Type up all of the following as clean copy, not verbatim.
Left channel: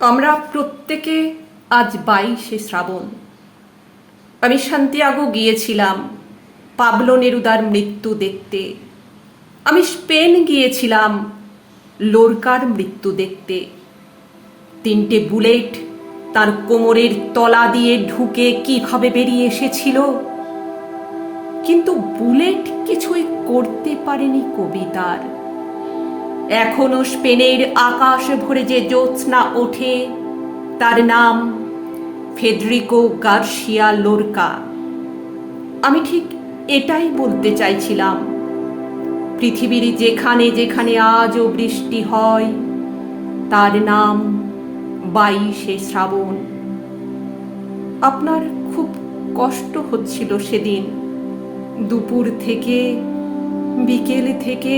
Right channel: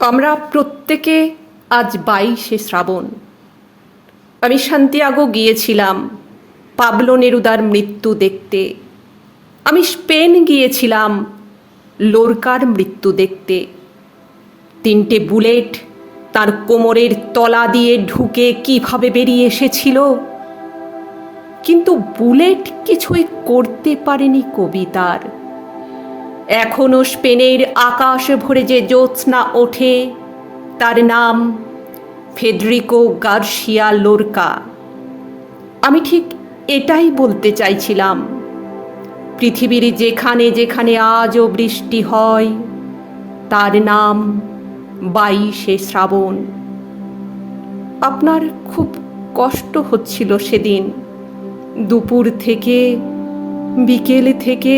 আমরা প্রত্যেকে আজ 22শে শ্রাবণ। আমি সান্তিয়াগো গিয়েছিলাম পাবলো নেরুদার মৃত্যু দেখতে। আমি স্পেন গিয়েছিলাম লোরকার মৃত্যু দেখতে। 3টে বুলেট তার কোমরের তলা দিয়ে ঢুকে কিভাবে বেরিয়ে এসেছিল, কিন্তু বুলেট কিছুই করতে পারেনি কবিতার। এখনো স্পেনের আকাশ ভরে যে জ্যোৎস্না ওঠে, তার নাম ফেডরিকো গার্সিয়া লোরকা। আমি ঠিক এটাই বলতে চাইছিলাম। পৃথিবীর যেখানে যেখানে আজও বৃষ্টি হয়, তার নাম 22শে শ্রাবণ। আপনার খুব কষ্ট হচ্ছিল সেদিন। দুপুর থেকে, বিকেল থেকে,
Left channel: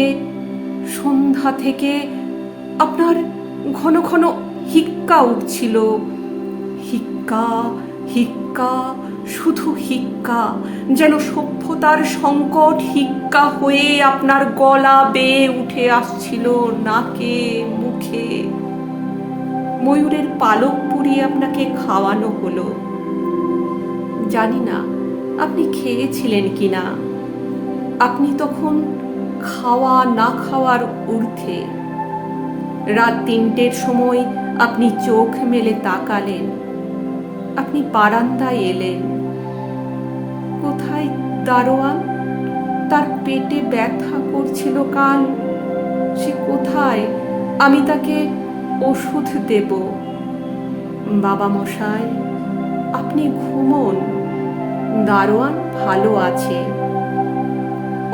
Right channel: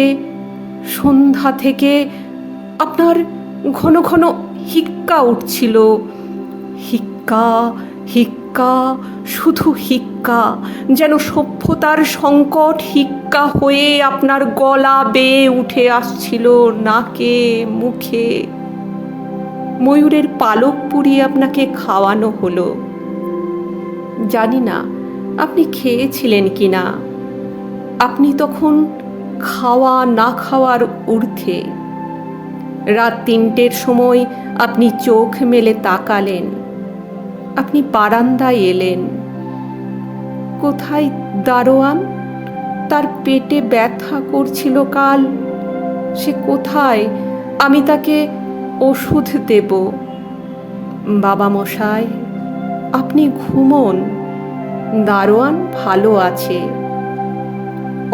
সন্ধ্যা থেকে আপনার ঘন ঘন হিক্কা উঠছিল। হিক্কা, হিক্কা, শুধু হিক্কা, যেন সভ্যতার সংকট হিক্কা হয়ে আপনার গলা বেয়ে উঠে আসছিল নাকে, মুখে। ময়ূরের পালক পুড়িয়ে আপনাকে খাওয়ানো হলো। জানি না আপনি খেয়েছিলেন কিনা। আপনি তখন খাওয়া না খাওয়ার ঊর্ধ্বে। রাত 3টের সময় আপনি চোখ মেলে তাকালেন। আপনি বারান্দায় এলেন। কোথায় দারোয়ান? তার পেটে ব্যথা করছিল কাল। সে কোথায়? আমি তাকে ওষুধ দেব। বাবা মশাই, আপনি ঘুমোন, দারোয়ান ভালো আছে।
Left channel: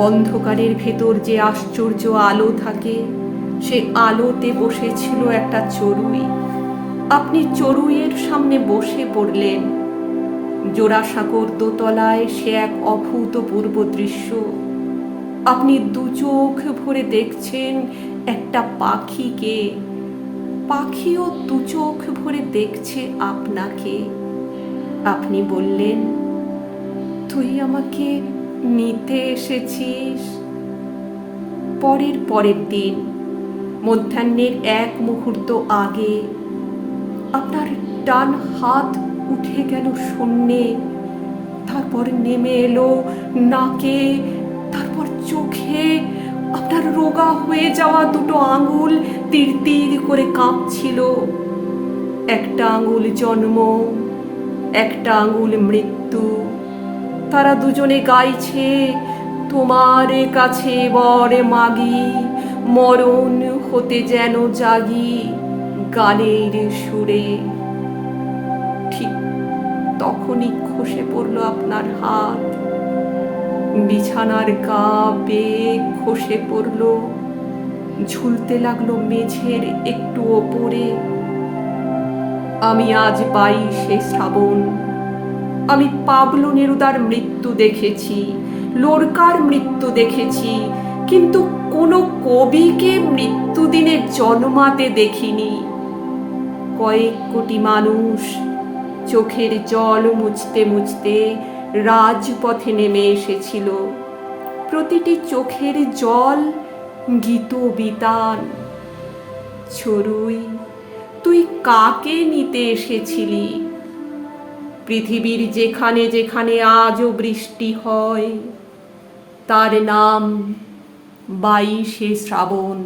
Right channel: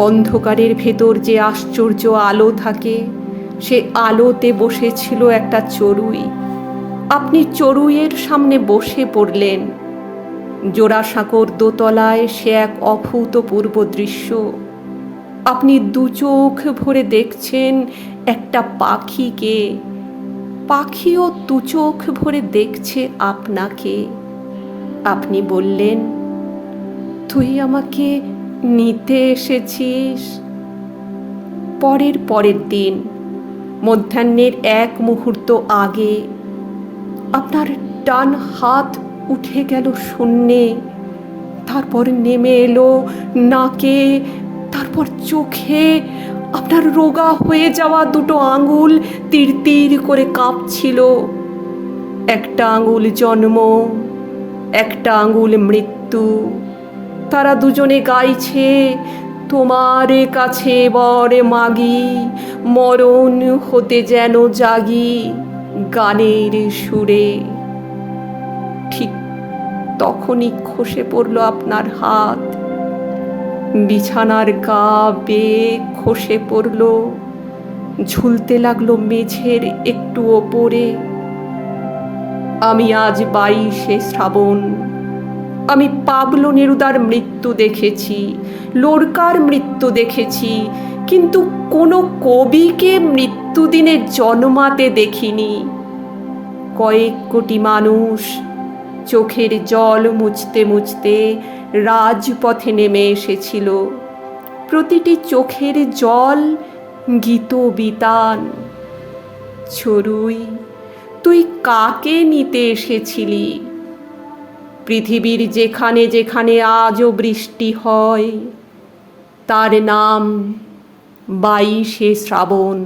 অন্ধকারের ভেতর যে আশ্চর্য আলো থাকে, সে আলোতে বসেছিল একটা চড়ুই। আপনি চড়ুইয়ের সামনে বসে পড়লেন। জোড়াসাঁকোর দোতলায় সে এক অভূতপূর্ব দৃশ্য। আপনি দু চোখ ভরে দেখছেন একটা পাখিকে। পাখিও দু চোখ ভরে দেখছে আপনাকে। আপনি বললেন, তুই আমাকে নিতে এসেছিস। পরের দিন মধ্যাহ্নের 1 মুহূর্ত আগে আপনার ডান হাত উঠে গেল শূন্যে, তারপর নেমে এলো নাকে, তারপর চোখে। আপনার রোগা হয়ে যাওয়া 2টো আঙুল তীর তীর করে কাঁপছিল। একটা আঙুল জন্ম, একটা আঙুল মৃত্যু। তারা দুজনে গাইছে, তোমার কাছে বরে মাগি, মরণ হতে যেন জাগি, গানের সুরে। ঠিক তখনই খসে পড়ল আপনার হাত। বিছানার গা বেয়ে খসে পড়ল, ঝুলতে লাগলো মেঝের একটু ওপরে। আমি আজ 22শে শ্রাবণ। আমি পাবলো নেরুদার মৃত্যু দেখেছি, লোরকার মৃত্যু দেখেছি, কিন্তু কোনো কবিকে মৃত্যুদিনে জন্মাতে দেখিনি। কয়েক কোটি মানুষ চোখের জল মুছতে মুছতে রাজপথে নেমে এসেছিল। প্রতিটি চোখের জল গীতবিতান। চড়ুই, তুই কাকে নিতে এসেছিলি? পৃথিবীর যেখানে যেখানে আজও বৃষ্টি হয়, তার নাম 22শে শ্রাবণ।